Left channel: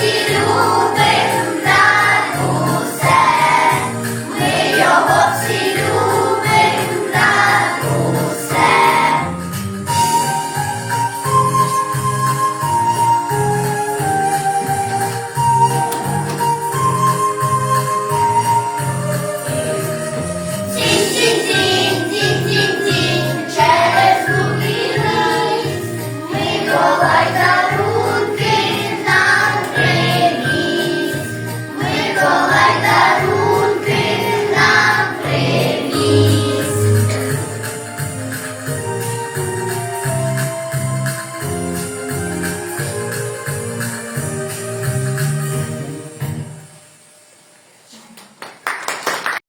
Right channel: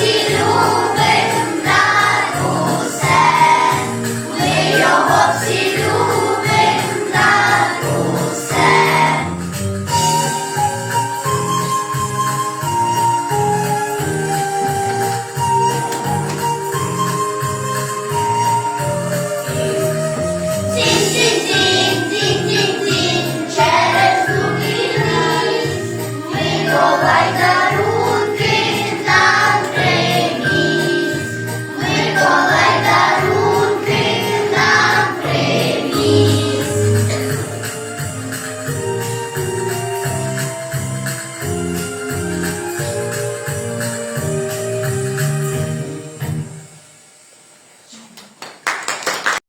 Sim. people like that.